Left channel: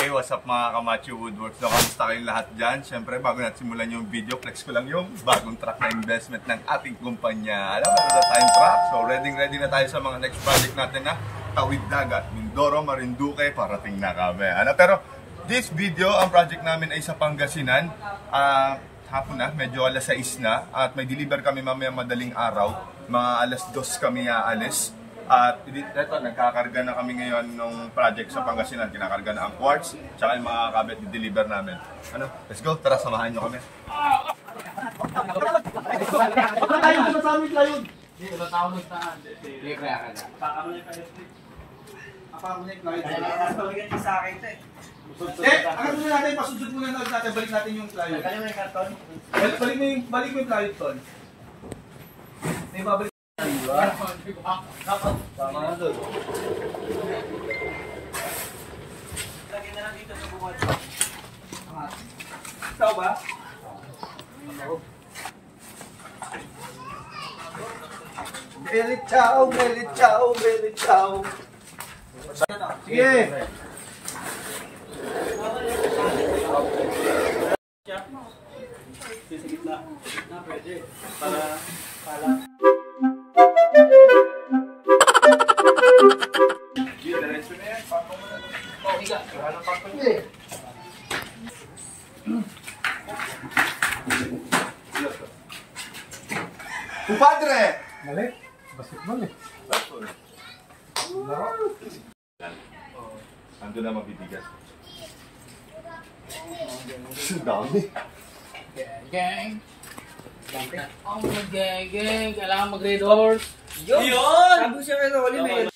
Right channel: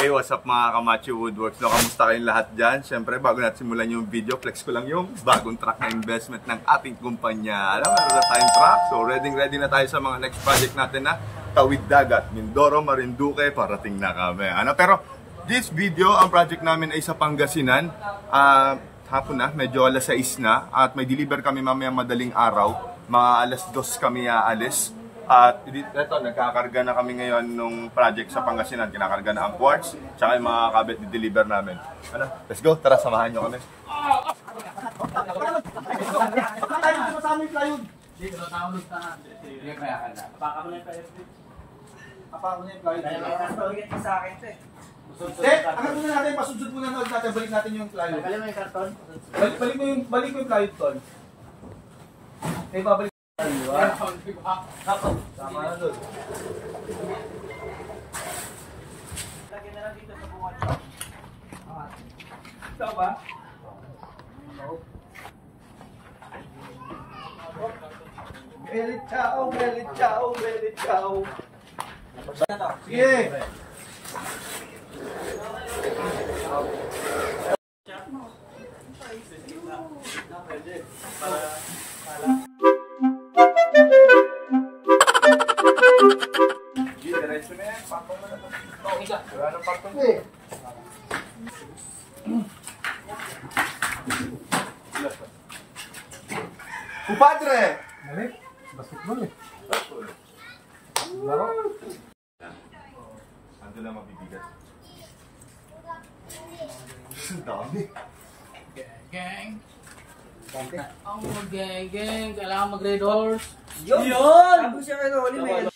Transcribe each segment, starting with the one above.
Hey, what's up mga Kamacho Woodworks? Kamusta kayong lahat dyan? Siyempre, bago natin simulan yung video, flex ko lang yung bagong truck na investment ng ating kumpanya. Alam mo, na tayong truck. So, ready na tayo sa mga next project natin na Tawid Dagat, Mindoro, Marinduque, parating na kami. Pero, this video, ang project namin ay sa Pangasinan. Hapon na, medyo alas 6 na. At may deliver kami mamaya madaling araw. Mga alas 2 kami aalis. At ito, nagkakarga na kami ngayon nung project sa Pangasinan. Kinakarga na ang quartz, tsaka yung mga kabit di-deliver namin. Let's go, tara, samahan nyo kami. Ang muna natin, pasudsud muna natin, balik natin yung plywood. Balik mo yung karton? Balik mo yung plywood, Tol. May babalik. Tama na doon. Lagyan na lang dito sa bukod. Ikaw ba? Belit chow, belit chow, belit chow. Sige! Kumpadre! Mali, basketball eh. Ando na mabibigat. Dami. Gang. Ang mag-gang. Kailangan mag-red horse. Yun! Sabi ko siya kayo ulit eh.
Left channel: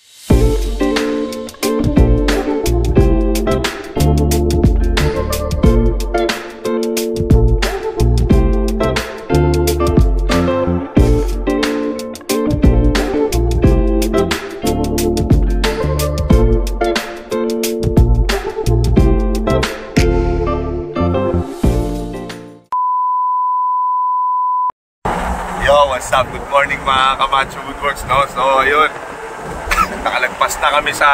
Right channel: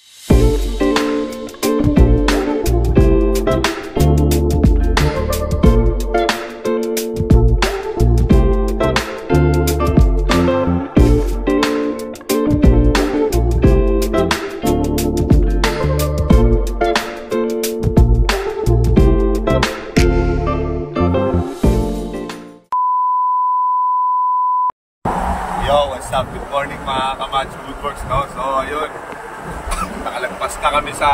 What's up? Good morning mga Kamacho Woodworks, no? So, yun. Nakalagpas na kami sa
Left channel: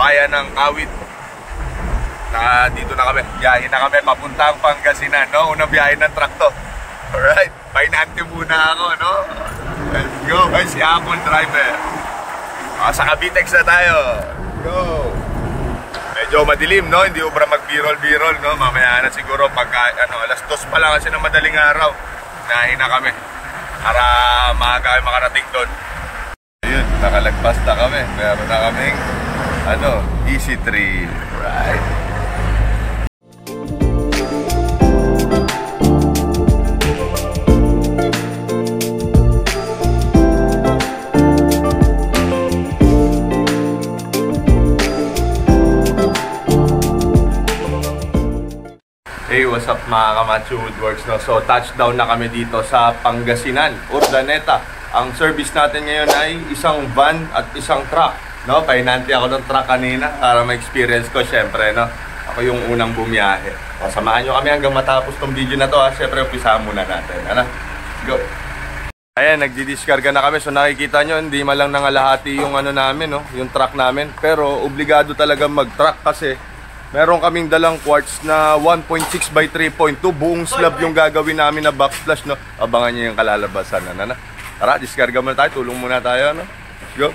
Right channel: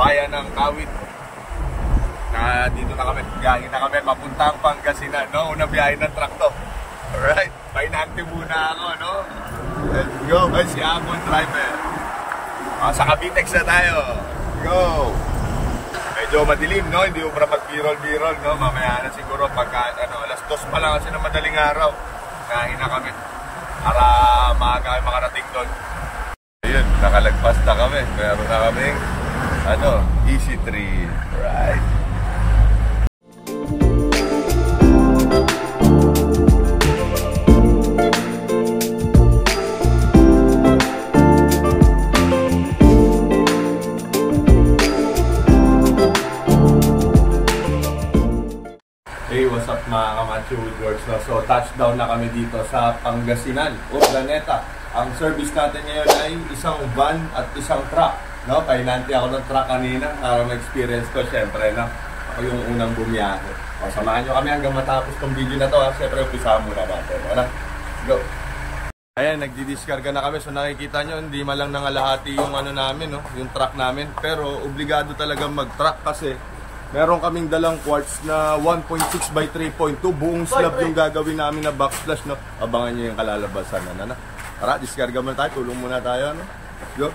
bayan ng Kawit. Dito na kami. Biyahe na kami papuntang Pangasinan, no? Unang biyahe ng truck to. Alright. Painante muna ako, no? Let's go. Ay, si Amon driver. Sa Cavitex na tayo. Let's go. Medyo madilim, no? Hindi ubra mag-birol-birol, no? Mamaya na siguro pagka, alas 2 pa lang kasi ng madaling araw. Biyahe na kami. Para maaga kami makarating doon. Ayun, nakalagpas na kami. Meron na kaming easy trip. Right. Hey, what's up mga Kamacho Woodworks, no? So, touchdown na kami dito sa Pangasinan, Urdaneta. Ang service natin ngayon ay isang van at isang truck, no? Painante ako ng truck kanina para ma-experience ko, syempre, no? Ako yung unang bumiyahe. O, samahan nyo kami hanggang matapos tong video na to, ha? Syempre, umpisahan muna natin. Let's go! Ayan, nagdi-discarga na kami. So, nakikita nyo, hindi malang nangalahati yung namin, no? Yung truck namin. Pero, obligado talaga mag-truck kasi meron kaming dalang quartz na 1.6 by 3.2. Buong slab yung gagawin namin na backsplash, no? Abangan nyo yung kalalabasan. Tara, diskarga muna tayo. Tulong muna tayo, no? Let's go!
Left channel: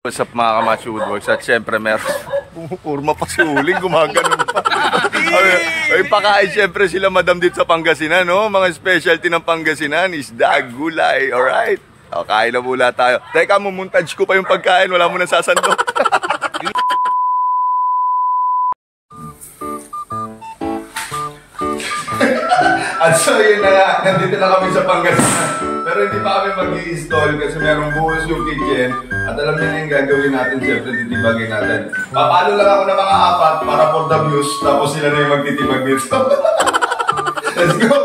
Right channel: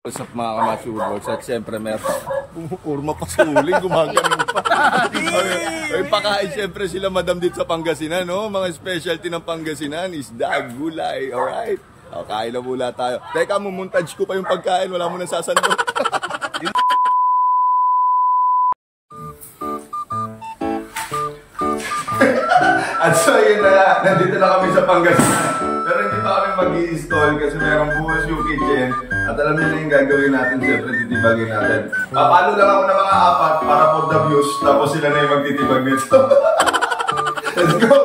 What's up mga Kamacho Woodworks? At syempre meron pumupurma pa si Uling, gumaganon pa. Ay, pakain syempre sila madam dito sa Pangasinan, no? Mga specialty ng Pangasinan, isda, gulay, alright? O, kain na mula tayo. Teka, mumuntage ko pa yung pagkain, wala mo nang sasandok. At so yun na nga, nandito na kami sa Pangasinan. Pero hindi pa kami mag-i-install kasi merong bukas yung kitchen. At alam niyo na yung gagawin natin, siyempre titibagin natin. Papalo lang ako ng mga 4 para for the views, tapos sila na yung magtitibag dito. Let's go!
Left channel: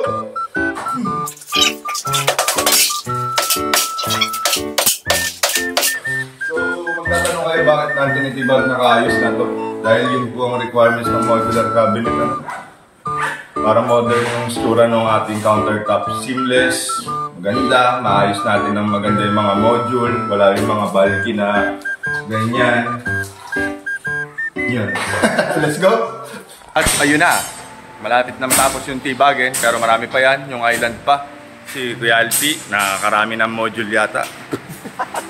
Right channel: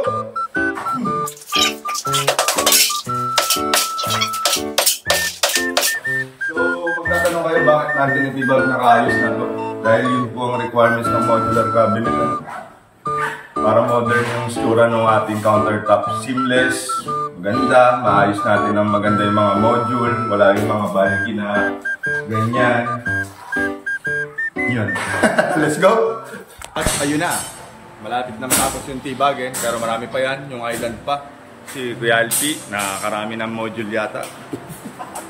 So, magtatanong kayo bakit natin itibag ng pinakayos na to. Dahil yun po ang requirements ng modular cabinet. Ano? Para modern yung stura ng ating countertop. Seamless, maganda, maayos natin ng maganda yung mga module, wala yung mga bulky na ganyan. Yun. Let's go! At ayun na, malapit na matapos yung tibagin, pero marami pa yan, yung island pa. Si Kuya Alpi, nakakarami ng module yata.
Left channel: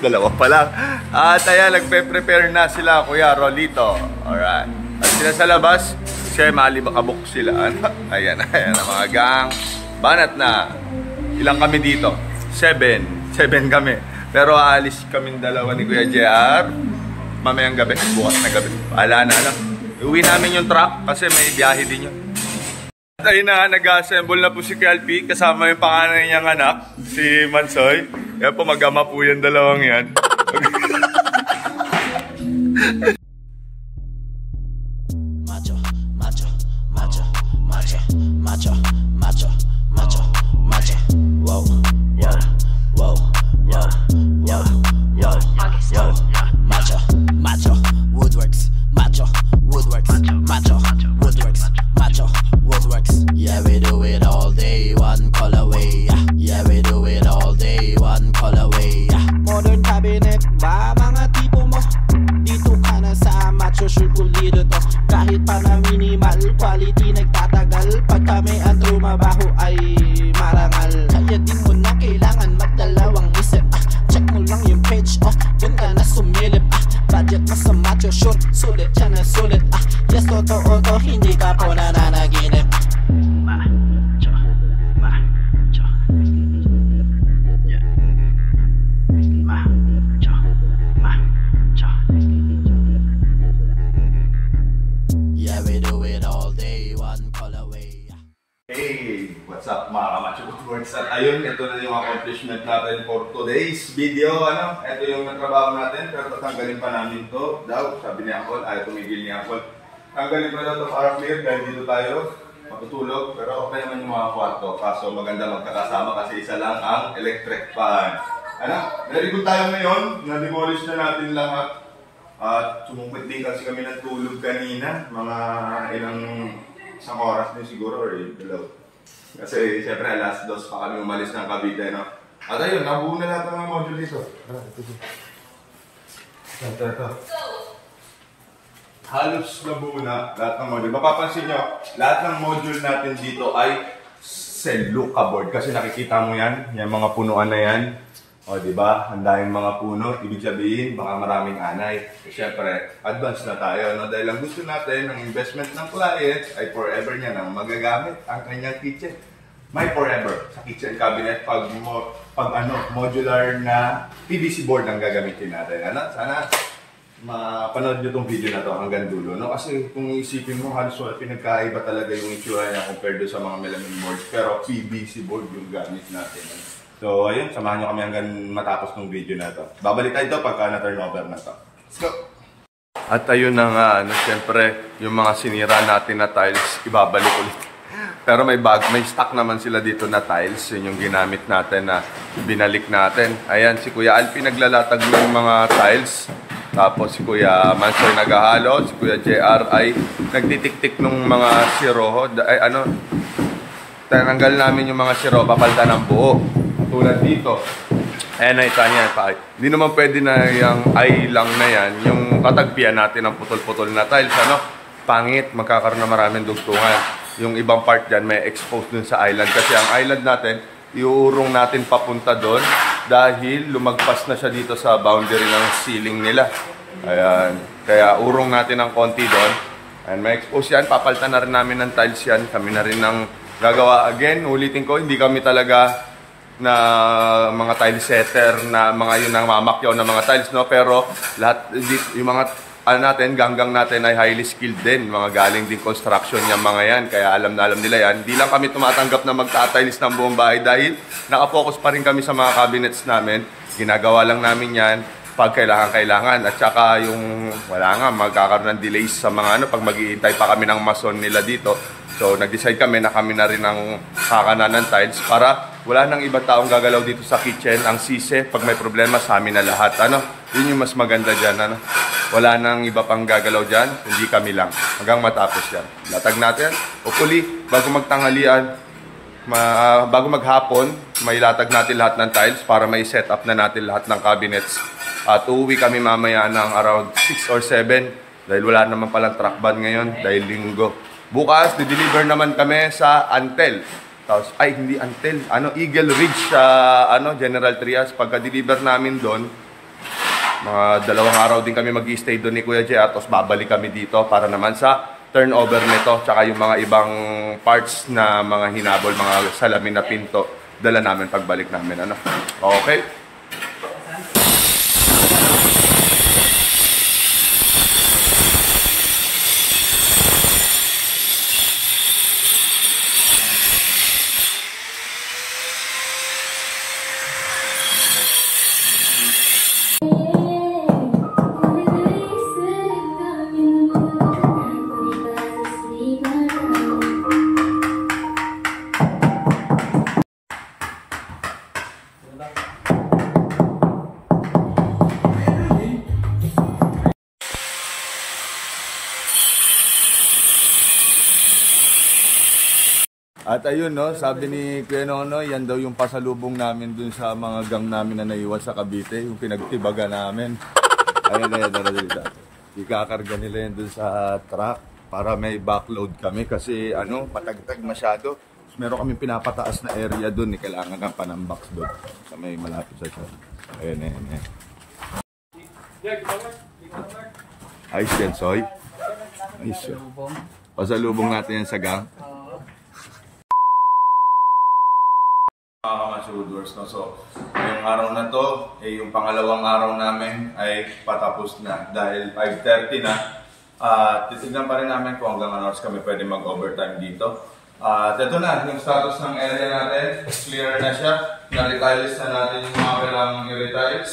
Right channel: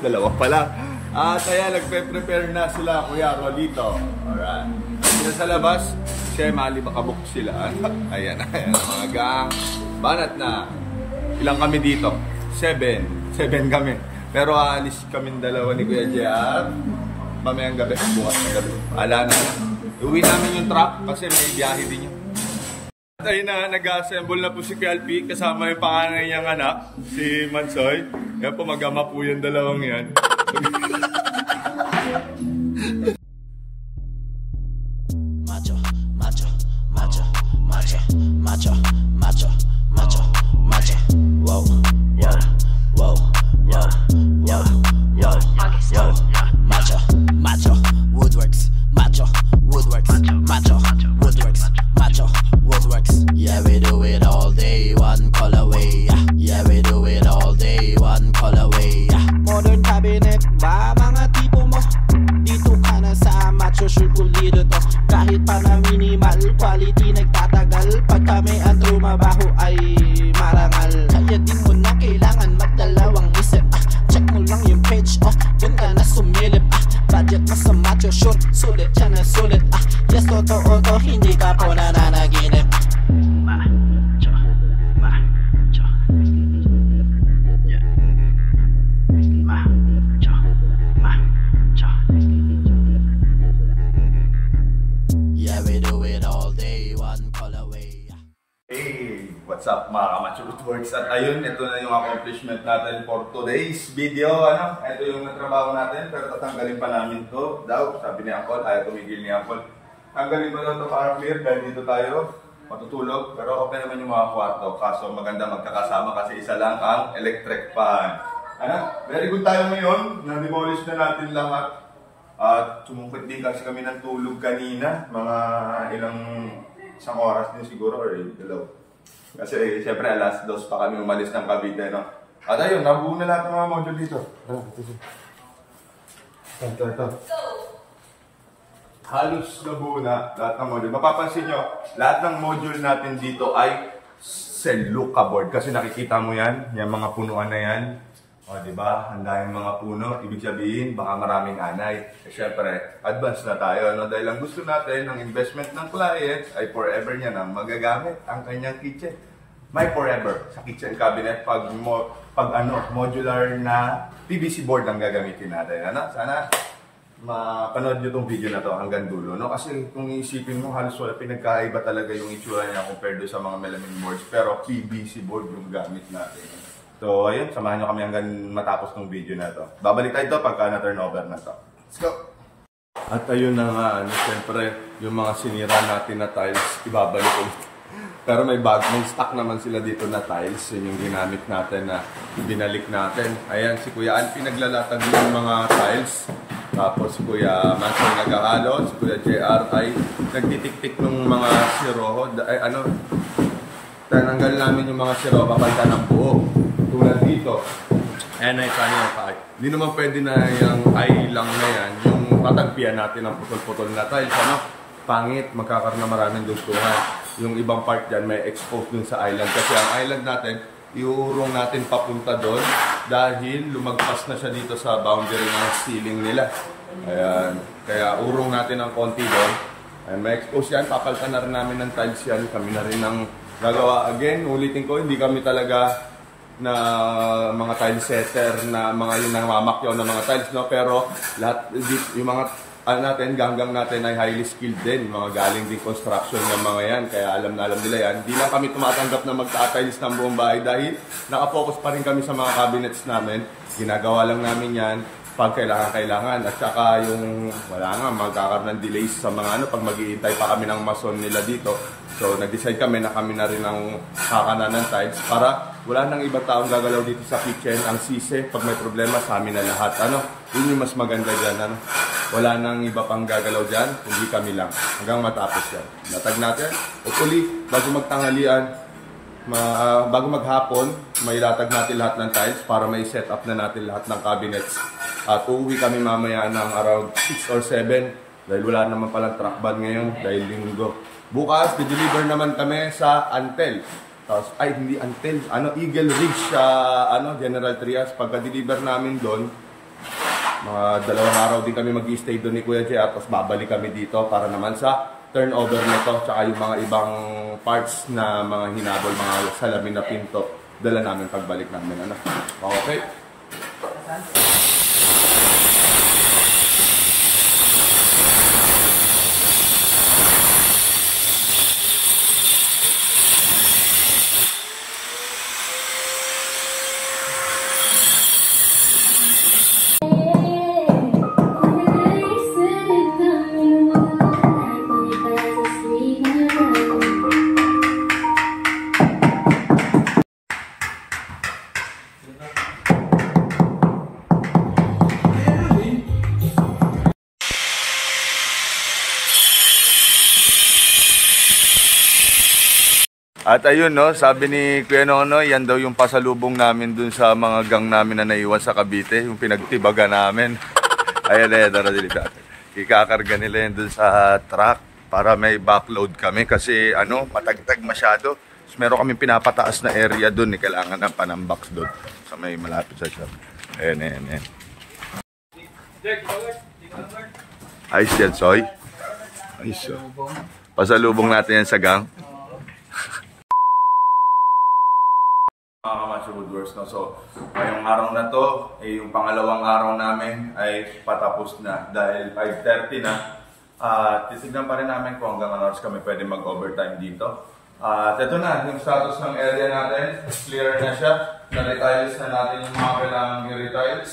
Dalawa pa lang. At ayan, nagpe-prepare na sila, Kuya Rolito. Alright. At sila sa labas, siya malibakabok sila. Ayan, ayan, mga gang. Banat na. Ilang kami dito? 7 kami. Pero aalis kaming dalawa ni Kuya JR. Mamayang gabi, bukas na gabi. Ala na lang. Uwi namin yung truck kasi may biyahe din yun. At ayun na, nag-assemble na po si Kuya Alpi kasama yung panganay niyang anak, si Mansoy. Yan po, mag-ama po yung dalawang yan. Macho, macho, macho, macho, macho, macho, macho, macho. Wow, wow, wow, wow, wow, wow, wow. Macho, macho, Woodworks, macho, Woodworks, macho, Woodworks, macho, Woodworks. Yeah, we do it all day, one colorway. Yeah, we do it all day, one colorway. Modern cabinet ba mga tipo mo? Dito ka na sa macho, sure pulido to. Kahit pa na minimal, quality nagtatagal. Pag kami ang trumabaho ay marangal. Kaya di mo na kailangan magdalawang isip. Check mo lang yung page, dun ka na sumilip. Budget mo sa macho, sure, sulit siya na sulit. Yes, totoo to, hindi ka po nananaginip. Macho, macho, yeah. Macho, macho. Yeah, we do it all day, one colorway. Hey, what's up mga Kamacho Woodworks? At ayun, ito na yung accomplishment natin for today's video. Ano? Ito yung natrabaho natin, pero tatanggalin pa namin to daw. Sabi ni Uncle, ayaw tumigil ni Uncle. Tanggalin pa daw to para clear dahil dito tayo matutulog. Pero okay naman yung mga kwarto. Kaso maganda magkakasama kasi isa lang ang electric fan. Ano? Very good tayo ngayon. Na-demolish na natin lahat. At sumungkit din kasi kami ng tulog kanina. Mga isang oras din siguro or dalaw. Kasi siyempre alas 2 pa kami umalis ng Cavite, no? At ayun, nabuo na lahat ng mga module dito. Ito. Halos nabuo na lahat ng module. Mapapansin nyo, lahat ng module natin dito ay Celluca board. Kasi nakikita mo yan, yung mga punuan na yan. O, diba? Ang daming mga puno. Ibig sabihin, baka maraming anay. Eh, syempre, advance na tayo, no? Dahil ang gusto natin, ang investment ng client ay forever niya nang magagamit ang kanyang kitchen. May forever sa kitchen cabinet pag modular na PVC board ang gagamitin natin. Ano? Sana mapanood nyo tong video na to hanggang dulo, no? Kasi kung isipin mo, halos wala pinagkaiba talaga yung itsura niya compared sa mga melamine boards. Pero PVC board yung gamit natin. So, ayun, samahan nyo kami hanggang matapos ng video na to. Babalik tayo pagka na-turnover na to. Let's go! At ayun na nga, siyempre, yung mga sinira natin na tiles, ibabalik ulit. Pero may stock naman sila dito na tiles. Yun yung ginamit natin na binalik natin. Ayan, si Kuya Alpi naglalatag ng mga tiles. Tapos si Kuya Mansoy naghahalo. Si Kuya JR ay nagtitik-tik ng mga siroho. Tinanggal namin yung mga siro, papalitan ng buo. Tulad dito. Ayan na kanya pa. Hindi naman pwede na yung ay lang na yan. Yung tatagpian natin ng putol-putol na tiles. Ano? Pangit, magkakaroon na maraming dugtungan. Yung ibang part dyan may expose dun sa island. Kasi ang island natin, iuurong natin papunta doon dahil lumagpas na siya dito sa boundary ng ceiling nila. Ayan. Kaya urong natin ng konti doon. Ayan, may expose yan. Papalitan na rin namin ng tiles yan. Kami na rin ng gagawa. Again, ulitin ko, hindi kami talaga na mga tile setter na mga yun ang mamakyaw na mga tiles, no? Pero lahat yung mga natin, ganggang natin ay highly skilled din, mga galing din construction yung mga yan, kaya alam na alam nila yan. Hindi lang kami tumatanggap na magtatiles ng buong bahay dahil nakafocus pa rin kami sa mga cabinets namin. Ginagawa lang namin yan pag kailangan at saka yung wala nga magkakaroon ng delays sa mga pag mag-iintay pa kami ng mason nila dito. So nag-decide kami na kami na rin ang kakana ng tiles para wala nang ibang taong gagalaw dito sa kitchen. Ang sisi, pag may problema, sa amin na lahat. Ano? Yun yung mas maganda dyan. Ano? Wala nang iba pang gagalaw dyan, hindi kami lang. Hanggang matapos yan. Latag natin. Hopefully, bago magtanghalian, bago maghapon, may latag natin lahat ng tiles para may set up na natin lahat ng cabinets. At uuwi kami mamaya ng around 6 or 7 dahil wala naman palang truck ban ngayon dahil linggo. Bukas, di-deliver naman kami sa Antel. Tapos, hindi Antel, Eagle Ridge sa General Trias. Pagka-deliver namin doon, mga 2 araw din kami mag-i-stay doon ni Kuya JR. Tapos babalik kami dito para naman sa turnover nito. Tsaka yung mga ibang parts na mga hinabol, mga salamin na pinto, dala namin pagbalik namin. Okay? At ayun, no, sabi ni Kuya Nonoy, yan daw yung pasalubong namin dun sa mga gang namin na naiwan sa Cavite, yung pinagtibaga namin. Ayan, ikakarga nila yun dun sa truck para may backload kami kasi patagtag masyado. So, meron kami pinapataas na area dun, kailangan ng panambox dun sa may malapit sa shop. Ayan. Ayos yan, Soy. Ayos. Pasalubong natin yan sa gang. Mga Kamacho Woodworks, no? So, ngayong araw na to, yung pangalawang araw namin ay patapos na dahil 5:30 na. Titignan pa rin namin kung hanggang ano oras kami pwede mag-overtime dito. At ito na, yung status ng area natin, clear na siya. Na-retiles na natin yung mga kailangang i-retiles.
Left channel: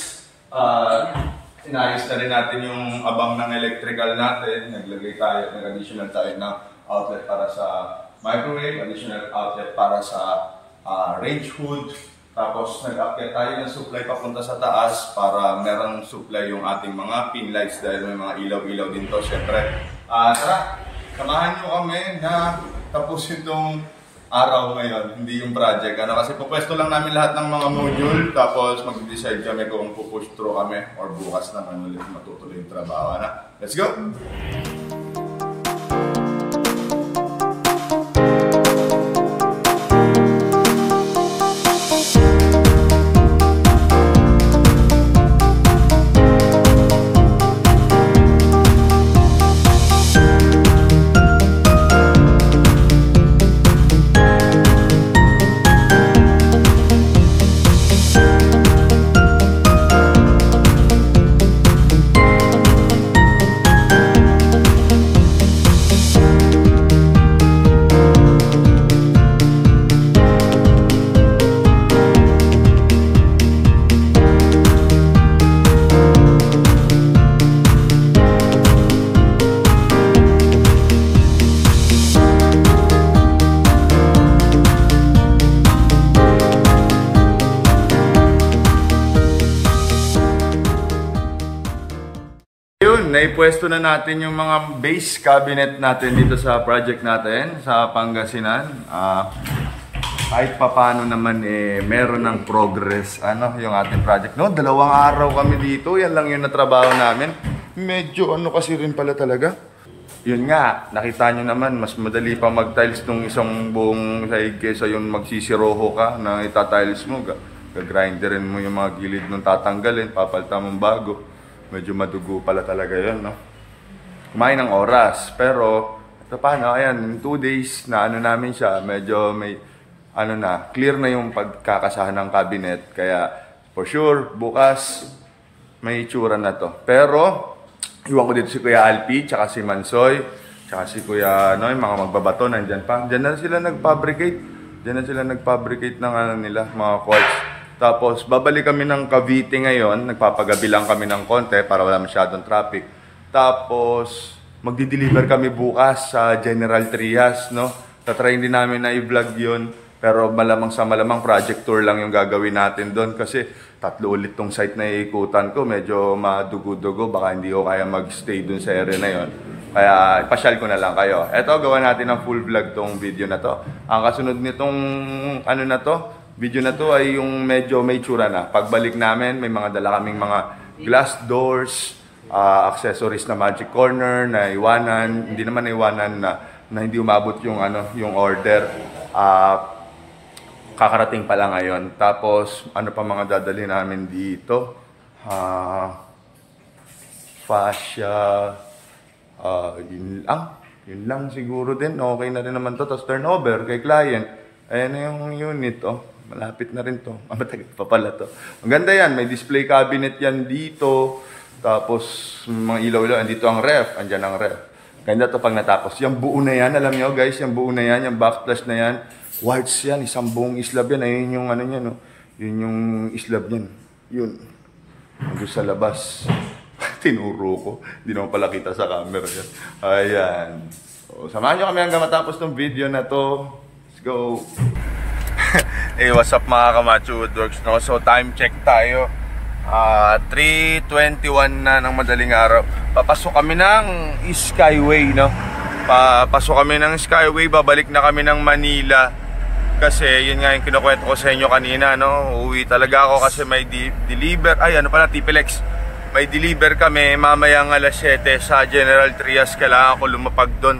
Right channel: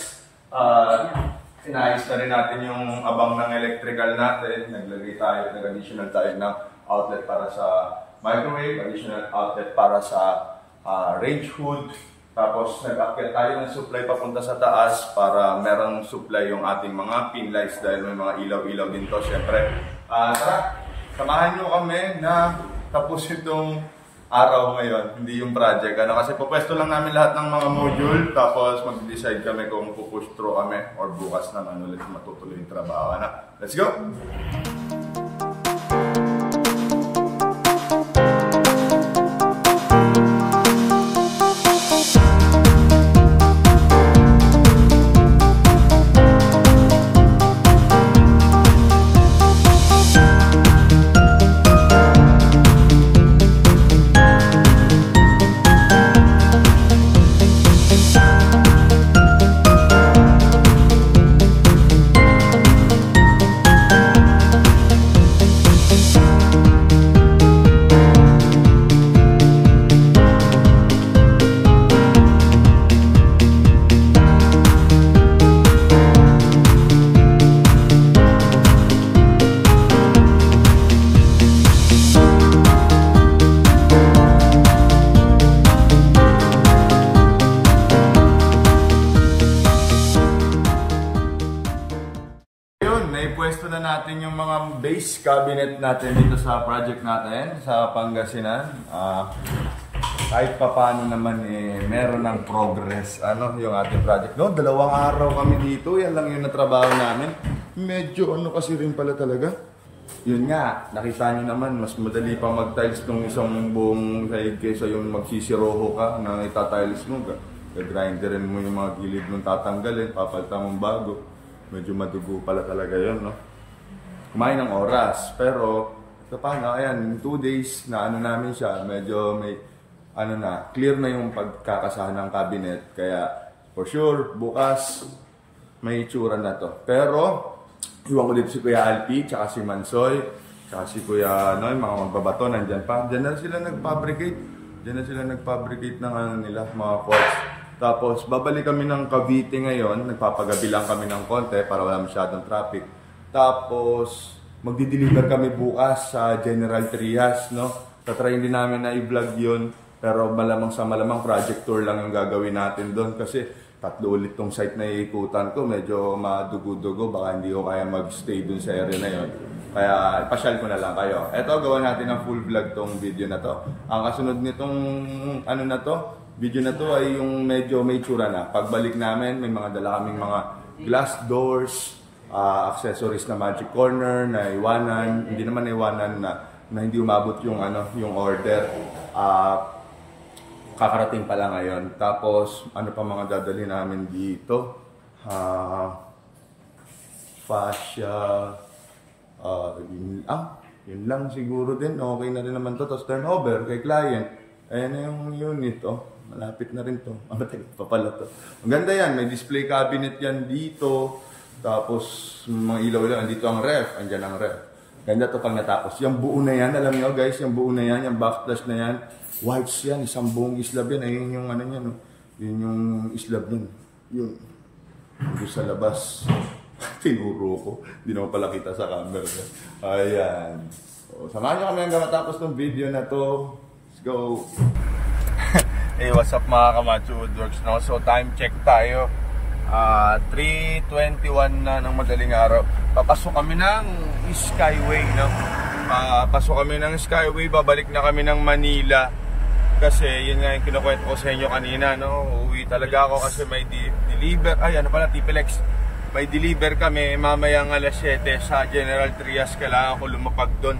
Inayos na rin natin yung abang ng electrical natin. Naglagay tayo, nag-additional tayo ng outlet para sa microwave, additional outlet para sa range hood, tapos nag-upgrade tayo ng supply papunta sa taas para merong supply yung ating mga pin lights dahil may mga ilaw-ilaw din to syempre. Tara, samahan nyo kami na tapos itong araw ngayon, hindi yung project. Kasi pupwesto lang namin lahat ng mga module, tapos mag-decide kami kung pupush through kami or bukas naman ulit matutuloy yung trabaho. Let's go! Naipwesto na natin yung mga base cabinet natin dito sa project natin sa Pangasinan. Kahit papano naman meron ng progress yung ating project. 2 araw kami dito, yan lang yung natrabaho namin. Medyo kasi rin pala talaga. Yun nga, nakita nyo naman, mas madali pa mag-tiles nung isang buong sahig kesa yung magsisiroho ka na itatiles mo. Gagrinderin mo yung mga gilid nung tatanggalin, papalitan mong bago. Medyo madugo pala talaga yun, no? Kumain ng oras. Pero, ito paano, ayan, in 2 days na namin siya, medyo may, clear na yung pagkakasahan ng cabinet. Kaya, for sure, bukas, may itsura na to. Pero, iwan ko dito si Kuya Alpi, tsaka si Mansoy, tsaka si Kuya, yung mga magbabato, nandyan pa. Diyan na sila nag-fabricate ng nila, mga quartz. Tapos, babalik kami ng Cavite ngayon. Nagpapagabi lang kami ng konti para wala masyadong traffic. Tapos, magdi-deliver kami bukas sa General Trias, no? Tatry din namin na i-vlog yun Pero malamang sa malamang project tour lang yung gagawin natin doon kasi 3 ulit tong site na iikutan ko. Medyo madugo-dugo, baka hindi ko kaya magstay doon sa area na yon. Kaya ipasyal ko na lang kayo. Eto, gawa natin ng full vlog tong video na to. Ang kasunod nitong ano na to, video na to ay yung medyo may tsura na. Pagbalik namin, may mga dala kaming mga glass doors, accessories na magic corner na iwanan, hindi naman iwanan na hindi umabot yung yung order. Kakarating pa lang ngayon. Tapos ano pa mga dadali namin dito? Fascia, yun lang siguro din. Okay na rin naman to. Tapos turnover kay client. Ayan na yung unit. Malapit na rin to. Matagal pa pala to. Maganda yan. May display cabinet yan dito. Tapos mga ilaw-ilaw. Andito ang ref. Andyan ang ref. Ganda to pag natapos. Yung buo na yan. Alam nyo guys, yung buo na yan. Yung backflash na yan. Whites yan. Isang buong islab yan. Ayun yung ano yan. Yun yung islab yan. Yun. Doon sa labas. Tinuro ko. Hindi naman pala kita sa camera yan. Ayan. So, samahan nyo kami hanggang matapos ng video na to. Let's go. Hey, what's up mga Kamacho Woodworks, no? So time check tayo. 3:21 na ng madaling araw. Papasok kami ng Skyway, no? Papasok kami ng Skyway, babalik na kami ng Manila. Kasi yun nga yung kinukwento ko sa inyo kanina, no? Uuwi talaga ako kasi may deliver. Ay, ano pala, Tipilex. May deliver kami mamayang alas 7 sa General Trias. Kailangan ko lumapag doon.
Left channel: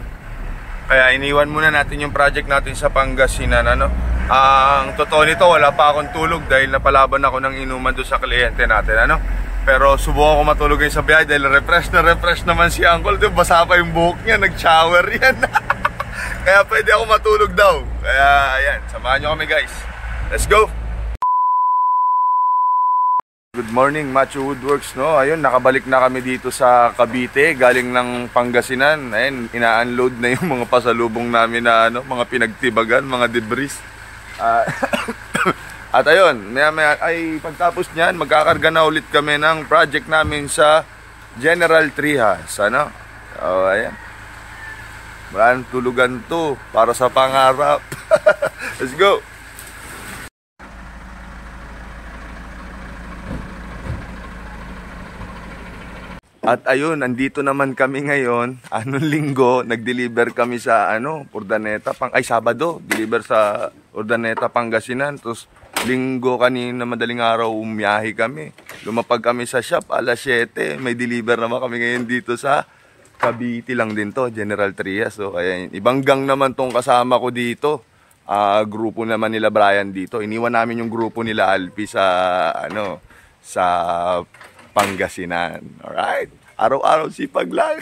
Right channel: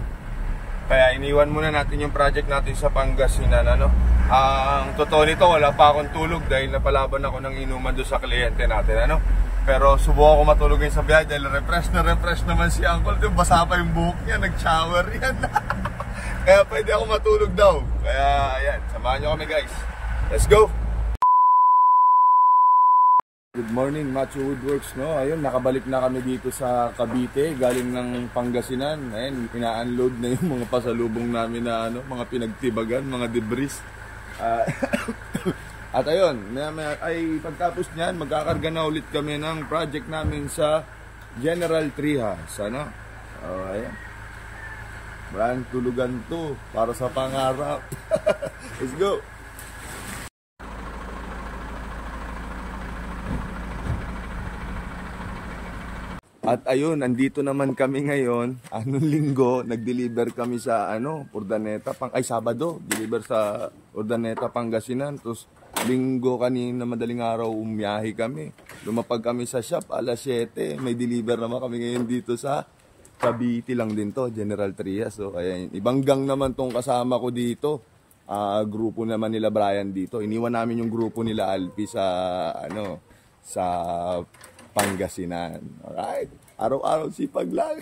Kaya iniwan muna natin yung project natin sa Pangasinan, ano? Ang totoo nito, wala pa akong tulog dahil napalaban ako ng inuman doon sa kliyente natin, ano? Pero subukan ko matulog ngayon sa biyahe dahil refresh naman si Uncle. Diba, basa pa yung buhok niya, nag-shower yan. Kaya pwede ako matulog daw. Kaya ayan, samahan nyo kami guys. Let's go! Good morning, Macho Woodworks, no? Ayun, nakabalik na kami dito sa Cavite, galing ng Pangasinan. Ayun, ina-unload na yung mga pasalubong namin na mga pinagtibagan, mga debris. At ayun, maya ay pagtapos niyan, magkakarga na ulit kami ng project namin sa General Trias, ano? So, ayan. Maraming tulugan to para sa pangarap. Let's go! At ayun, andito naman kami ngayon. Anong linggo, nag-deliver kami sa Urdaneta, Sabado, deliver sa Urdaneta, Pangasinan. Tapos linggo kanina madaling araw umiyahe kami. Lumapag kami sa shop alas 7. May deliver naman kami ngayon dito sa Cavite lang din to, General Trias. So kaya ibang gang naman tong kasama ko dito. Grupo naman nila Brian dito. Iniwan namin yung grupo nila Alpi sa sa Pangasinan. Alright. Araw-araw sipag lang.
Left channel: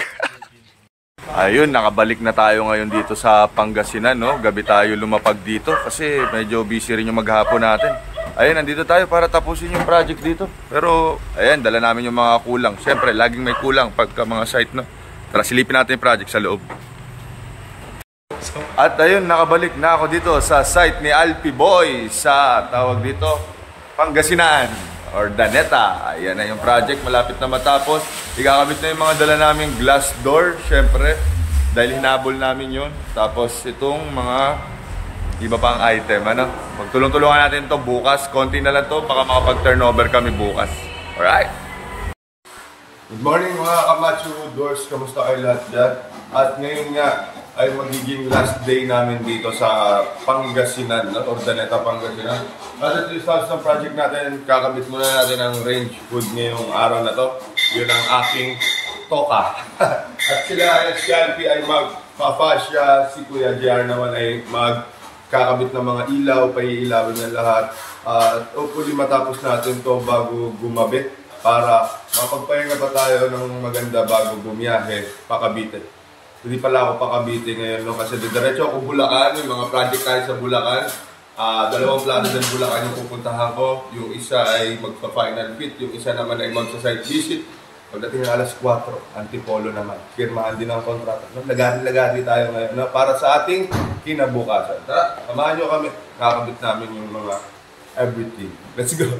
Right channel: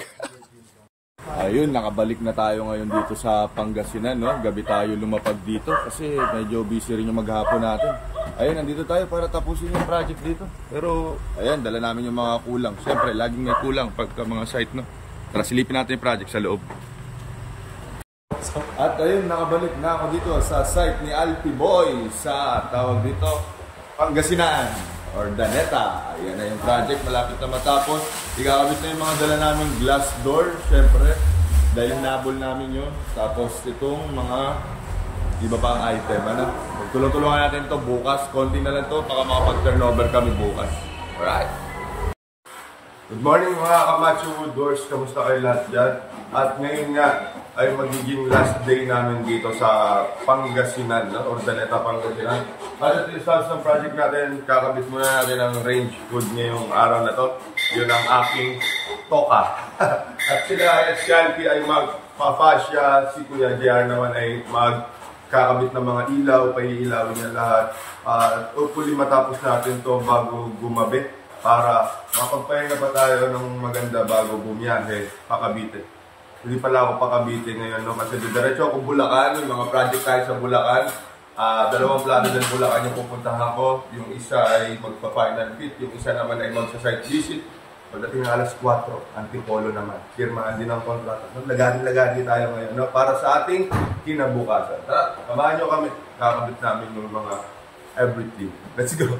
Ayun, nakabalik na tayo ngayon dito sa Pangasinan, no? Gabi tayo lumapag dito kasi medyo busy rin yung maghapon natin. Ayun, nandito tayo para tapusin yung project dito. Pero, ayan, dala namin yung mga kulang. Siyempre, laging may kulang pagka mga site, no? Tara, silipin natin yung project sa loob. At ayun, nakabalik na ako dito sa site ni Alpi Boy sa tawag dito, Pangasinan. Urdaneta. Ayan na yung project, malapit na matapos. Ikakabit na yung mga dala naming glass door, syempre, dahil hinabol namin yun. Tapos itong mga iba pang item, magtulong-tulungan natin to bukas. Konti na lang to, baka makapag-turnover kami bukas. Alright. Good morning mga Kamacho Woodworks, kamusta kayo lahat dyan? At ngayon nga ay magiging last day namin dito sa Pangasinan, Urdaneta, Pangasinan. At ito yung start ng project natin, kakabit muna natin ang range hood ngayong araw na to. Yun ang aking toka. At sila, si Alpi ay magpa-fascia, si Kuya JR naman ay magkakabit ng mga ilaw, paiilawin niya lahat. Hopefully matapos natin to bago gumabi para mapagpahinga pa tayo ng maganda bago bumiyahe pa Cavite. Hindi pala ako pa Cavite ngayon, no? Kasi diretso ako Bulacan, may mga project tayo sa Bulacan. 2 plano din Bulacan yung pupuntahan ko. Yung isa ay magpa-final fit, yung isa naman ay magsa-site visit. Pagdating ng alas 4, Antipolo naman. Firmahan din ang kontrata. Lagari-lagari tayo ngayon, no? Para sa ating kinabukasan. Tara, samahan nyo kami. Kakabit namin yung mga everything. Let's go!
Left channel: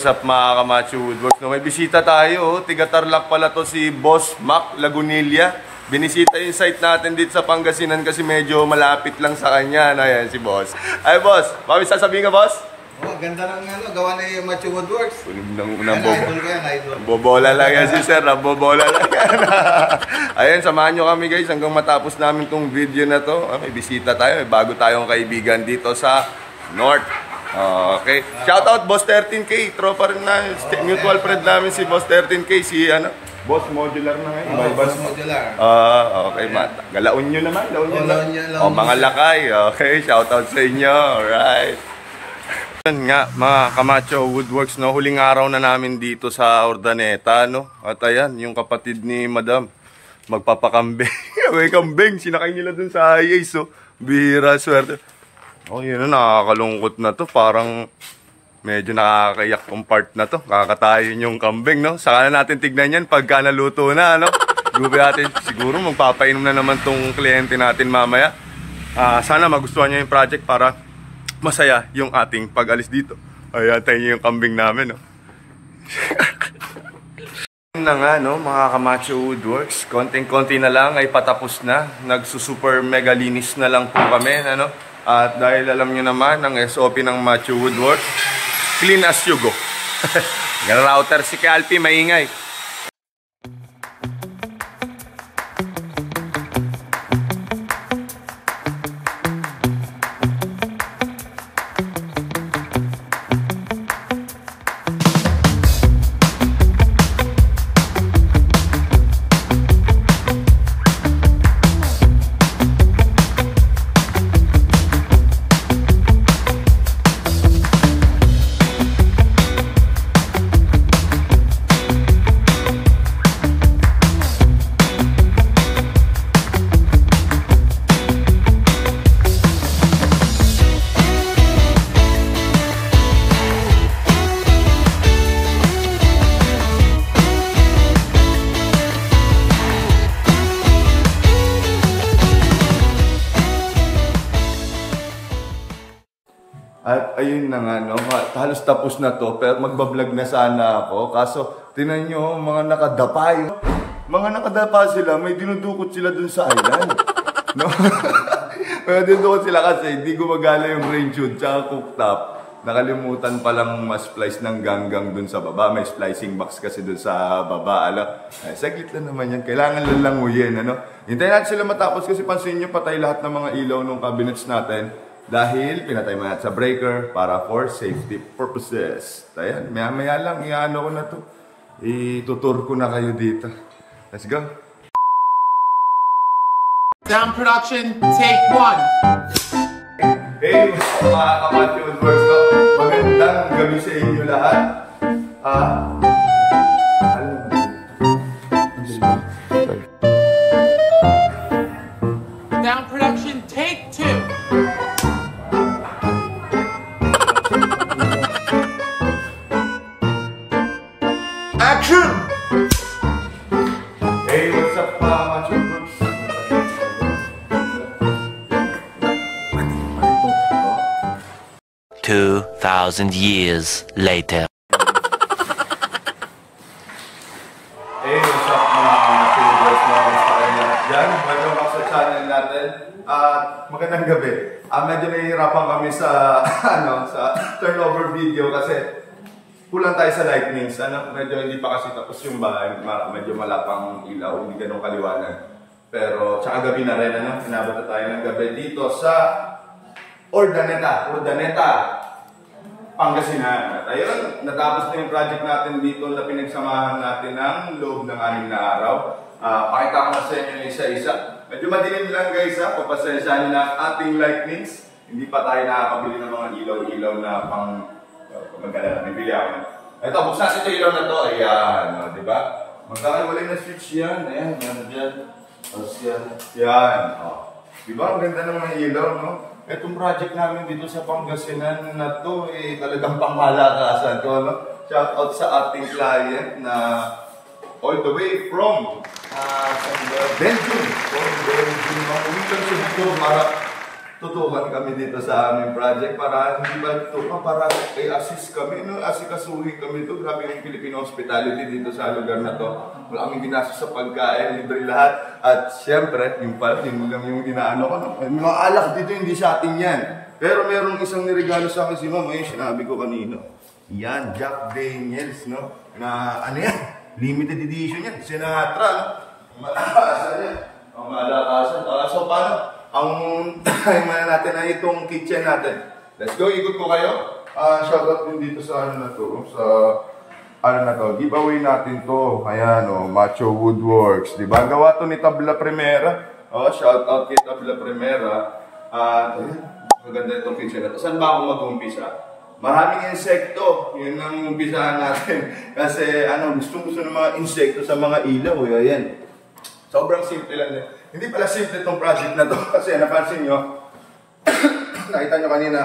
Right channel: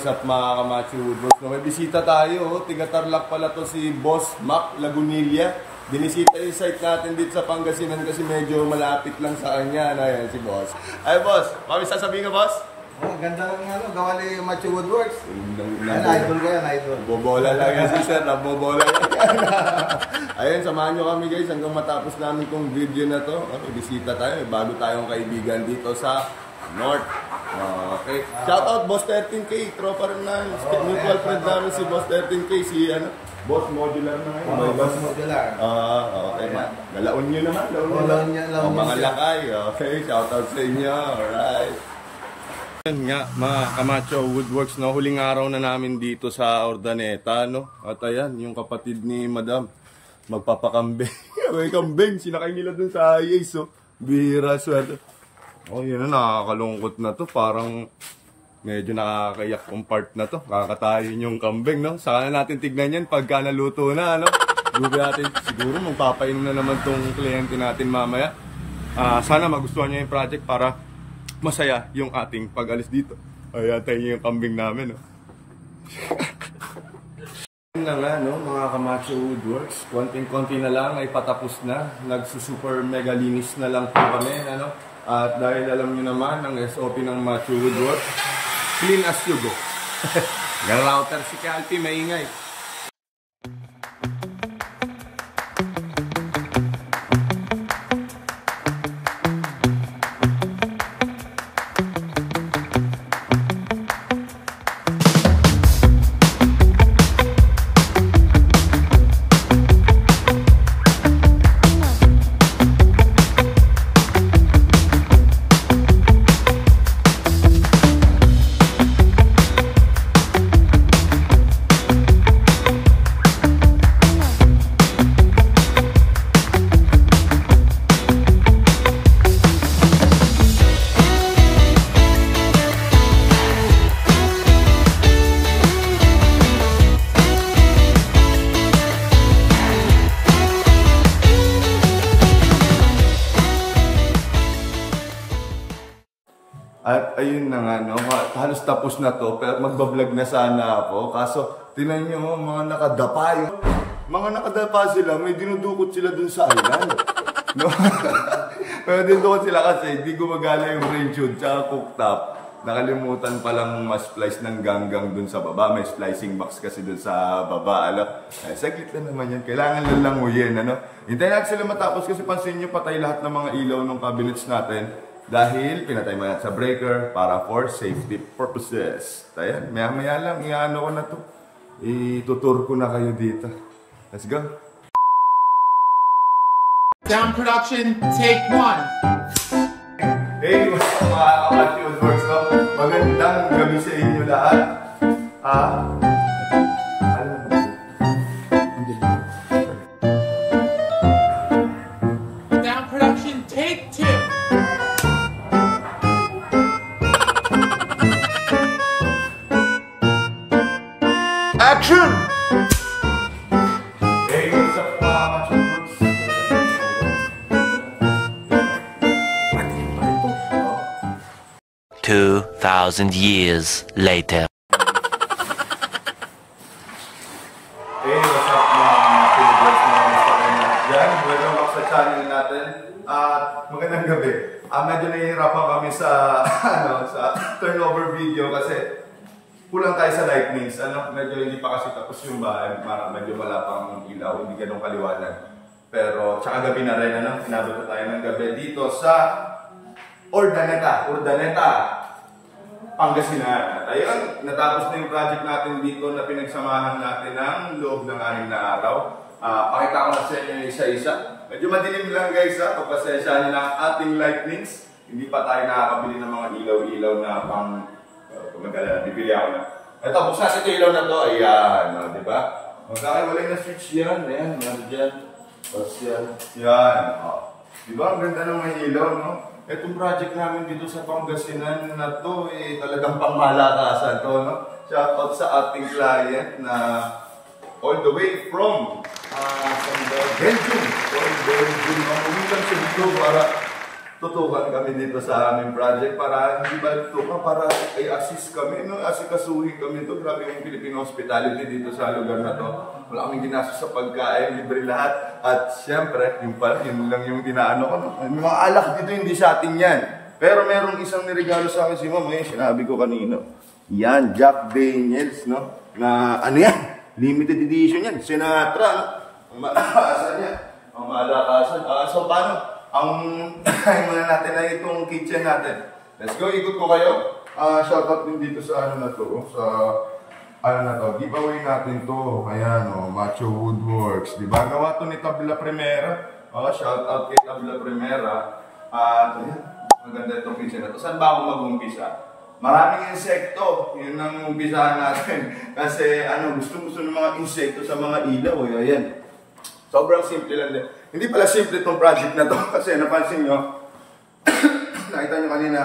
What's up mga Kamacho Woodworks? No, may bisita tayo. Tiga-Tarlac pala to si Boss Mac Lagunilla. Binisita yung site natin dito sa Pangasinan kasi medyo malapit lang sa kanya. Ayan si Boss. Ay Boss, bakit sasabihin ka Boss? Oh, ganda ng gawa ni Macho Woodworks. Unang Idol ko yan, idol. bobola lang yan si Sir. Bobola lang yan. Ayun, samahan nyo kami guys hanggang matapos namin tong video na to. May bisita tayo. May bago tayong kaibigan dito sa North. Okay. Shoutout Boss 13K. Tropa rin na. Mutual friend namin si Boss 13K. Si Boss Modular na ngayon. Boss Modular. Okay. Galaon nyo naman. Laon nyo. Mga lakay. Okay. Shoutout sa inyo. Alright. Yan nga mga Kamacho Woodworks, no? Huling araw na namin dito sa Urdaneta, no? At ayan, yung kapatid ni Madam magpapakambing. May kambing, sinakay nila dun sa IAs, so bihira, swerte. Oh, yun na, nakakalungkot na to. Parang medyo nakakayak tong part na to. Kakatayin yung kambing, no? Saka na natin tignan yan pagka naluto na, no? Siguro magpapainom na naman tong kliyente natin mamaya. Sana magustuhan niya yung project para masaya yung ating pag-alis dito. Ayan, tayo yung kambing namin, no? Na nga, no, mga Kamacho Woodworks, konting-konti na lang ay patapos na. Nagsusuper mega linis na lang po kami, ano? At dahil alam nyo naman, ang SOP ng Macho Woodworks, clean as you go. Router si Calpi, maingay. At ayun na nga, no, halos tapos na to, pero magbablog na sana ako. Kaso, tinan nyo, mga nakadapa yung... Mga nakadapa sila, may dinudukot sila dun sa island. No? May dinudukot sila kasi hindi gumagana yung range hood tsaka cooktop. Nakalimutan palang ma-splice ng ganggang dun sa baba. May splicing box kasi dun sa baba. Saglit na naman yan. Kailangan lang languyin. Hintayin natin sila matapos kasi pansin nyo, patay lahat ng mga ilaw ng cabinets natin. Dahil pinatay mo natin sa breaker para for safety purposes. Ayan, maya-maya lang, iano ko na to. Itutur ko na kayo dito. Let's go. Sound production, take 1. Hey, what's up mga Kamacho Woodworks, no? Magandang gabi sa inyo lahat. Sound production, take 2. Action! Hey, what's up mga Kamacho Woodworks? 2,000 years later. Hey, what's up mga Kamacho Woodworks na dyan? Welcome back sa channel natin. Magandang gabi. Medyo nahihirapan kami sa sa turnover video kasi kulang tayo sa lightnings. Medyo hindi pa kasi tapos yung bahay. Medyo malapang ilaw, hindi ganun kaliwanag. Pero tsaka gabi na rin, inabot na tayo ng gabi dito sa Urdaneta, Pangasinan. At ayun, natapos na yung project natin dito na pinagsamahan natin ng loob ng 6 na araw. Pakita ko na sa inyo isa-isa. Medyo madilim lang guys, pagpasensya nyo na ating lightnings. Hindi pa tayo nakakabili ng mga ilaw-ilaw na pang magkala na, bibili ako. Ito, buksan ito ilaw na to. Ayan, di ba? Magkakaiwalay na switch yan. Ayan, meron dyan. Tapos yan. Yan. Di ba? Ang ganda ng mga ilaw, no? Itong project namin dito sa Pangasinan na to, talagang pangmalakasan to, no? Shout out sa ating client na all the way from Belgium. Belgium. Mamulitan siya dito para tutukan kami dito sa aming project para hindi ba tutukan, para i-assist kami, no? Asikasuhin kami dito. Grabe yung Filipino hospitality dito sa lugar na to. Wala kaming ginastos sa pagkain, libre lahat. At syempre, yun lang yung inaano ko. No? May mga alak dito, hindi sa atin yan. Pero merong isang niregalo sa akin si Mama, yung sinabi ko kanino. Yan, Jack Daniels, no? Na ano yan? Limited edition yan. Sinatra, no? Ang malakasan yan. Ang malakasan. So, paano? Ang muna natin ay itong kitchen natin. Let's go, ikot ko kayo. Shout out din dito sa ano na to, sa ano na to, giveaway natin to. Ayan o, Macho Woodworks. Diba? Gawa to ni Tabla Primera. Shout out kay Tabla Primera. Maganda itong kitchen na to. Saan ba ako mag-umpisa? Maraming insekto. Yun ang umpisahan natin. Kasi ano, gusto ng mga insekto sa mga ilaw. Ayan. Sobrang simple lang din. Hindi pala simple itong project na to kasi napansin nyo, nakita nyo kanina,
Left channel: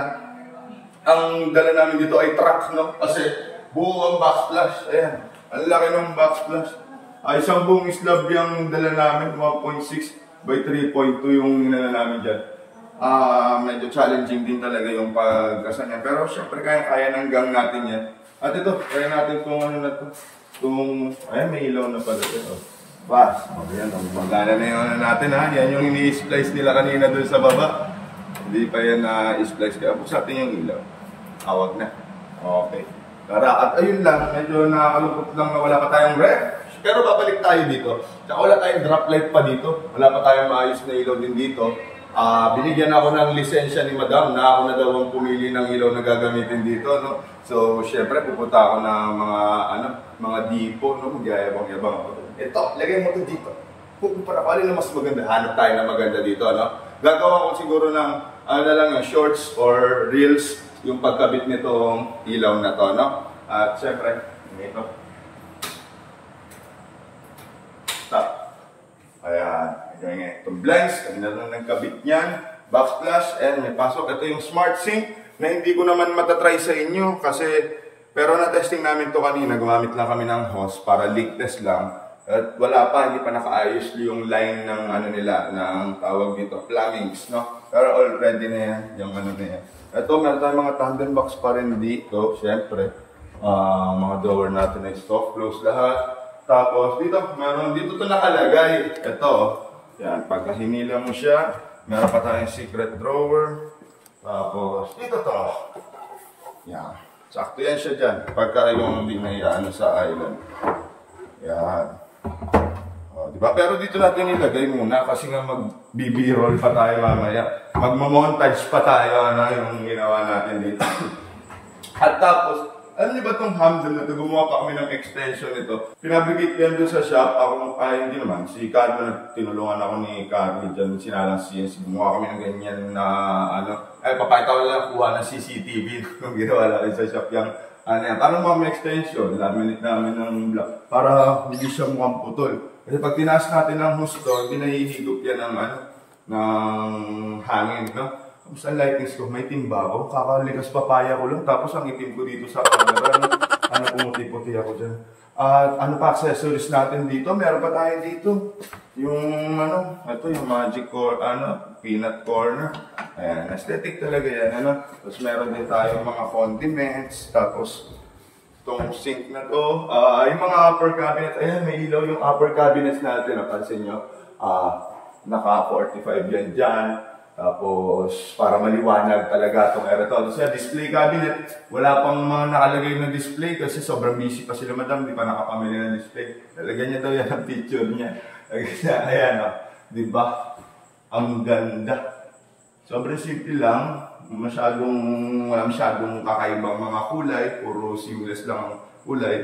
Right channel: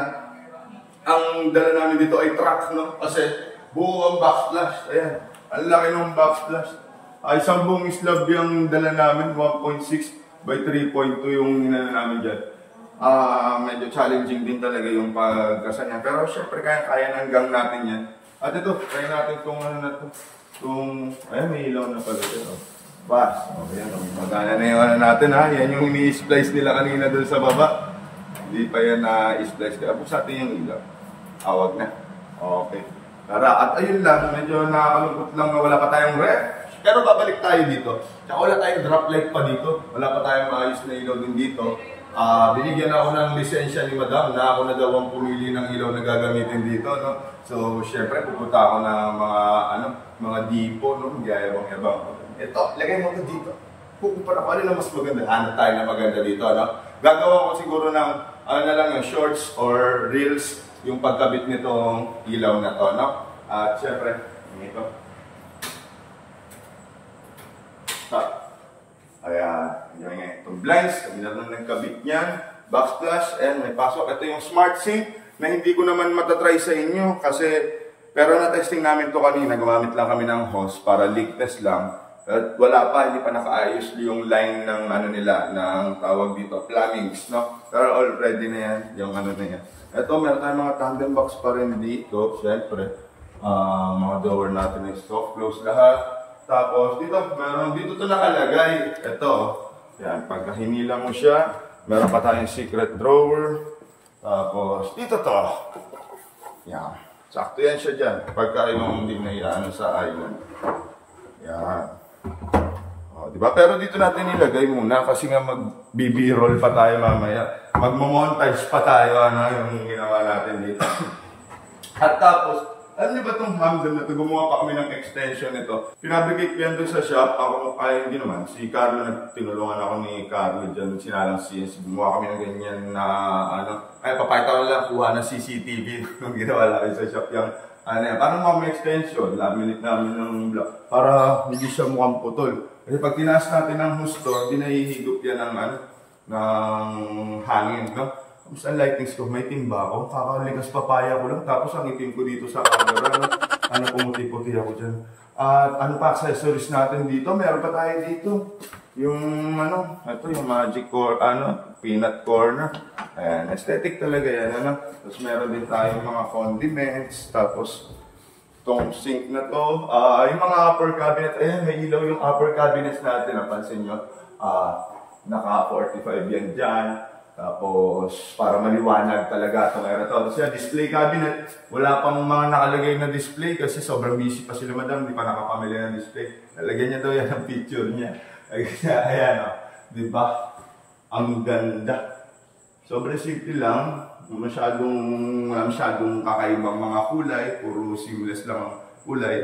ang dala namin dito ay truck, no? Kasi buo ang backsplash. Ayan, ang laki ng backsplash. Isang buong slab yung dala namin, 1.6 by 3.2 yung ninala namin dyan. Medyo challenging din talaga yung pagkasa niya. Pero syempre kaya ng gang natin yan. At ito, kaya natin itong ano na to. Ayan, may ilaw na pala ito. Bas, ayan, magana na yung ano natin ha. Yan yung ini-splice nila kanina doon sa baba. Hindi pa yan na-splice. Kaya buksan natin yung ilaw. Awag na. Okay. Tara, at ayun lang, medyo nakakalungkot lang na wala pa tayong ref. Pero babalik tayo dito. Tsaka wala tayong drop light pa dito. Wala pa tayong maayos na ilaw din dito. Binigyan ako ng lisensya ni Madam na ako na daw ang pumili ng ilaw na gagamitin dito, no? So, syempre pupunta ako ng mga dipo, no? Magyayabang-yabang. Ito, lagay mo ito dito. Pupunta ako, alin na mas maganda. Hanap tayo na maganda dito, no? Gagawa ko siguro ng, shorts or reels yung pagkabit nitong ilaw na to, no? At syempre, ito. Stop. Ayan. Itong blinds, kami na lang nagkabit niyan. Backsplash, and may pasok. Ito yung smart sink na hindi ko naman matatry sa inyo kasi, pero na-testing namin to kanina. Gumamit lang kami ng hose para leak test lang. At wala pa, hindi pa nakaayos yung line ng ano nila, ng tawag dito, plumbings, no? Pero already na yan, yung ano na yan. Ito, meron tayong mga tandem box pa rin dito, syempre. Mga drawer natin ay soft close lahat. Tapos dito, meron dito to nakalagay. Ito, yan, pagka hinila mo siya, meron pa tayong secret drawer. Tapos dito to. Yan, sakto yan siya dyan. Pagka yung hindi na ano sa island. Yan. Diba? Pero dito natin nilagay muna kasi nga mag-BB-roll pa tayo mamaya. Magmamontage pa tayo, ano, yung ginawa natin dito. At tapos, alam niyo ba itong handle na ito? Gumawa pa kami ng extension nito. Pinabrigate yan doon sa shop. Ako, ay hindi naman. Si Carlo, tinulungan ako ni Carlo dyan. Sinalang CNC. Gumawa kami ng ganyan na, papakita ko lang, kuha ng CCTV nung ginawa natin sa shop yung parang mga extension, laminate namin ng block para hindi siya mukhang putol. Kasi pag tinaas natin ng husto, hindi nahihigop yan ng hangin, no? Tapos ang lightings ko, may timba ako, kakalikas papaya ko lang, tapos ang itim ko dito sa camera, no? Pumuti-puti ako dyan. At ano pa accessories natin dito, meron pa tayo dito. Yung ito yung magic peanut corner. Ayan, aesthetic talaga yan, Tapos meron din tayong mga condiments, tapos itong sink na to. Yung mga upper cabinet, ayan, may ilaw yung upper cabinets natin, napansin nyo. Naka 45 yan dyan. Tapos, para maliwanag talaga itong aerotol. Tapos yung display cabinet, wala pang mga nakalagay na display kasi sobrang busy pa sila, Madam, hindi pa nakapamili ng display. Lalagyan niya daw yan ang picture niya. Ayan, diba? Ang ganda. Sobrang simple lang. Wala masyadong kakaibang mga kulay. Puro seamless lang ang kulay.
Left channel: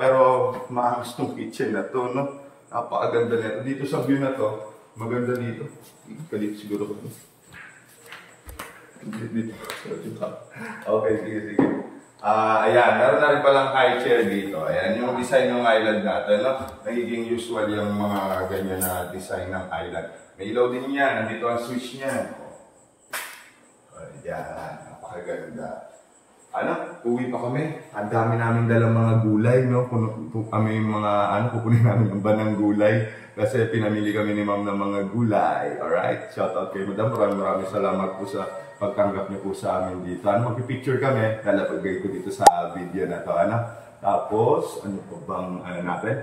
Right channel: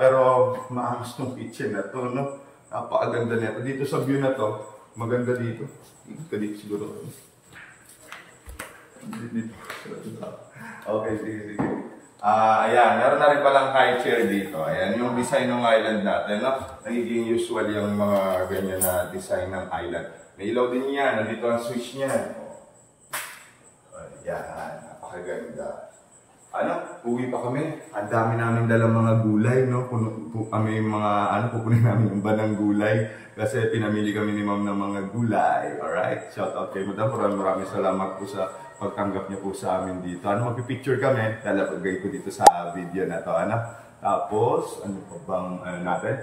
Pero maangas tong kitchen na to, no? Napakaganda nito. Dito sa view na to, maganda dito. Dito siguro ko. Okay, sige. Ayan, meron na rin palang high chair dito. Ayan, yung design ng island natin, no? Nagiging usual yung mga ganyan na design ng island. May ilaw din yan. Nandito ang switch niyan. Ayan, napakaganda. uwi pa kami. Ang dami namin dalang mga gulay, no? Kami mga, pupunin namin yung banang gulay. Kasi pinamili kami ni ma'am ng mga gulay. Alright? Shout out kay madam. Maraming salamat po sa pagtanggap niyo po sa amin dito. Magpipicture kami. Lalapagay ko dito sa video na to. Tapos, ano pa bang, natin?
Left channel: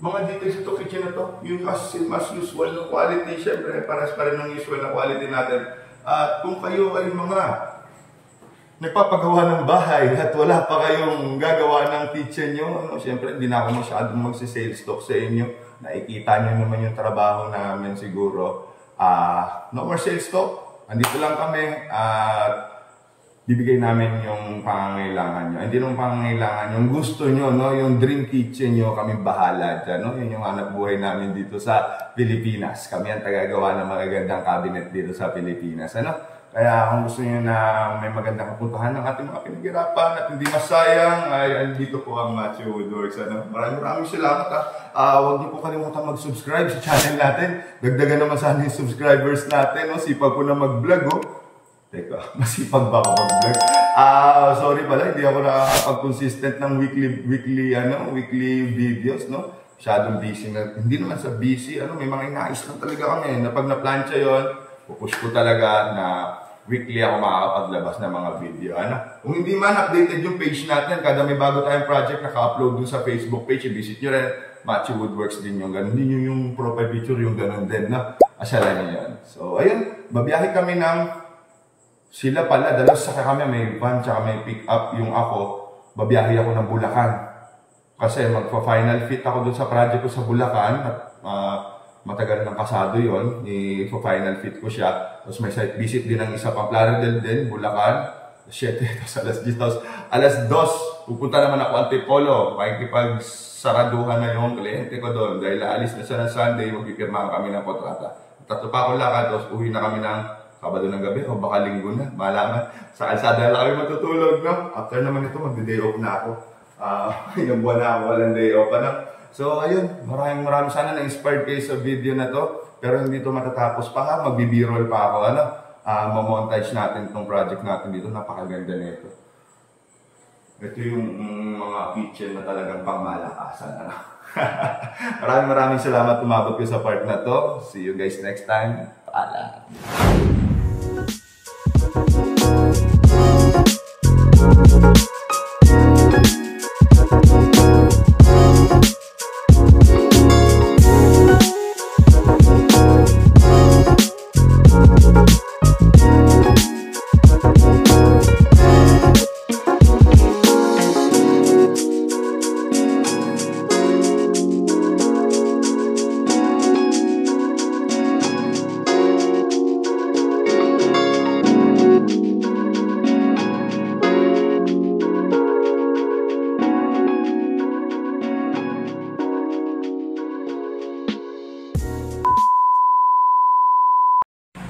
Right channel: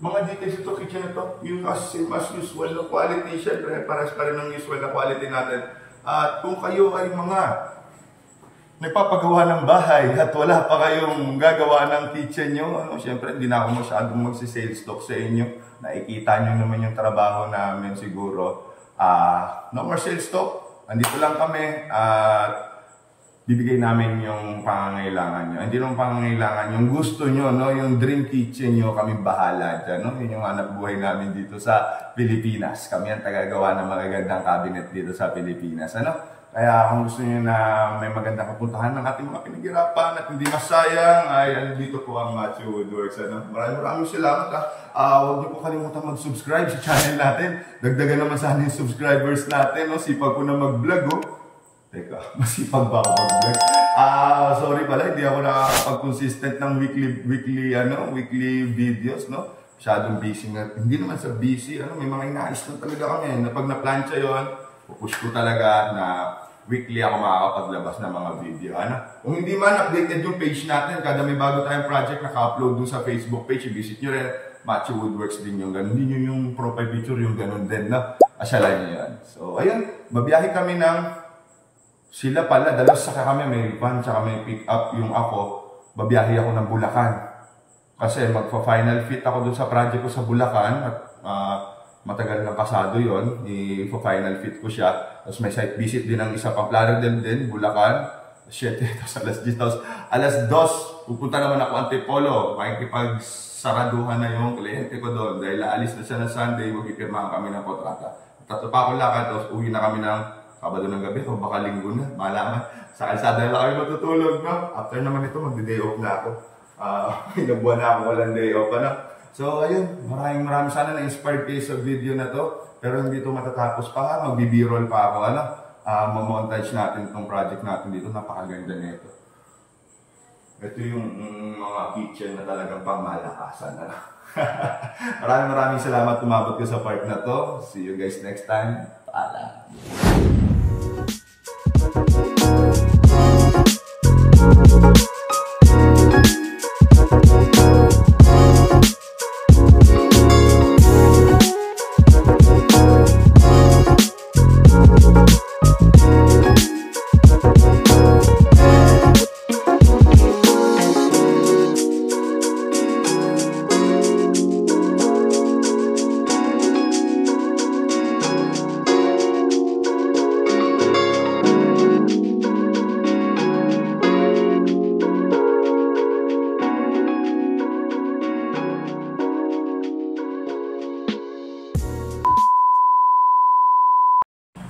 Mga details ito, kitchen na to. Yung as usual na quality. Siyempre, pares pa rin ng usual na quality natin. At kung kayo ay mga nagpapagawa ng bahay at wala pa kayong gagawa ng kitchen nyo, siyempre hindi na ako masyadong magsi-sales talk sa inyo. Nakikita nyo naman yung trabaho namin siguro. No more sales talk. Andito lang kami at bibigay namin yung pangangailangan nyo. Hindi naman pangangailangan, yung gusto nyo, no? Yung dream kitchen nyo, kami bahala dyan. No? Yun yung anak buhay namin dito sa Pilipinas. Kami ang tagagawa ng magagandang cabinet dito sa Pilipinas. Kaya kung gusto nyo na may magandang kapuntahan ng ating mga pinaghirapan at hindi masayang, ay dito po ang Matthew Woodworks. Maraming salamat. Huwag niyo po kalimutan mag-subscribe sa channel natin. Dagdagan naman sana yung subscribers natin. No? Sipag ko na mag-vlog. Teka, masipag ba ako mag-vlog? Sorry pala, hindi ako nakakapag-consistent ng weekly videos, no? Masyadong busy na, hindi naman sa busy, may mga inais lang talaga kami, na pag na-plancha yun, pupush ko talaga na weekly ako makakapaglabas ng mga video, Kung hindi man, updated yung page natin, kada may bago tayong project, naka-upload dun sa Facebook page, i-visit nyo rin, Matthew Woodworks din yung ganun, din yung profile picture, yung ganun din, na asyalan nyo yan. So, ayun, babiyahe kami ng sila pala, dalos saka kami, may van, tsaka may pick up yung ako, babiyahe ako ng Bulacan. Kasi magpa-final fit ako dun sa project ko sa Bulacan, at matagal ng kasado yon, i-final fit ko siya. Tapos may site visit din ng isa pang Plaridel din, Bulacan, 7, tapos alas 2, pupunta naman ako Antipolo, makikipagsaraduhan na yung kliyente ko doon, dahil aalis na siya ng Sunday, magpipirmahan kami ng kontrata. Tatlo pa akong lakad, tapos uwi na kami ng Sabado ng gabi o baka linggo na, malaman. Sa kalsada lang kami matutulog, no? After naman ito, magde-day off na ako. Ilang buwan na ako walang day off, So, ayun, maraming sana na-inspired kayo sa video na to. Pero hindi ito matatapos pa ha, magbi-b-roll pa ako, mamontage natin itong project natin dito, napakaganda nito. Ito yung mga kitchen na talagang pangmalakasan, Maraming salamat tumabot ko sa part na to. See you guys next time. Paalam.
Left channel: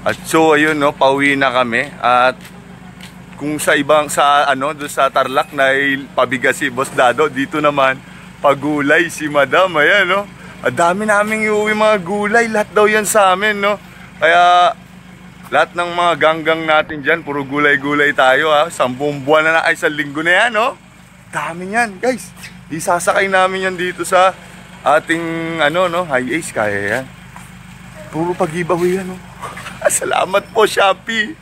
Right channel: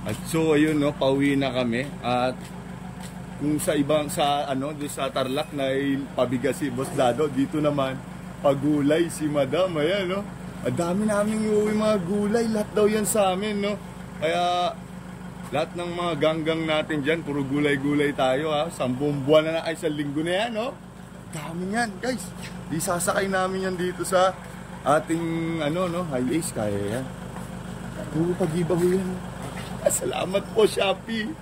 At so ayun, no, pauwi na kami. At kung sa ibang doon sa Tarlac na pabigas si Boss Dado, dito naman pagulay si Madam. Ayan, no. Ang dami naming iuwi mga gulay, lahat daw yan sa amin, no. Kaya lahat ng mga ganggang natin diyan, puro gulay-gulay tayo, 10 buwan na ay 1 linggo na yan, no. Dami yan, guys. Isasakay namin yan dito sa ating high ace, kaya yan. Puro pag-giveaway yan, no. Salamat po, Shopee!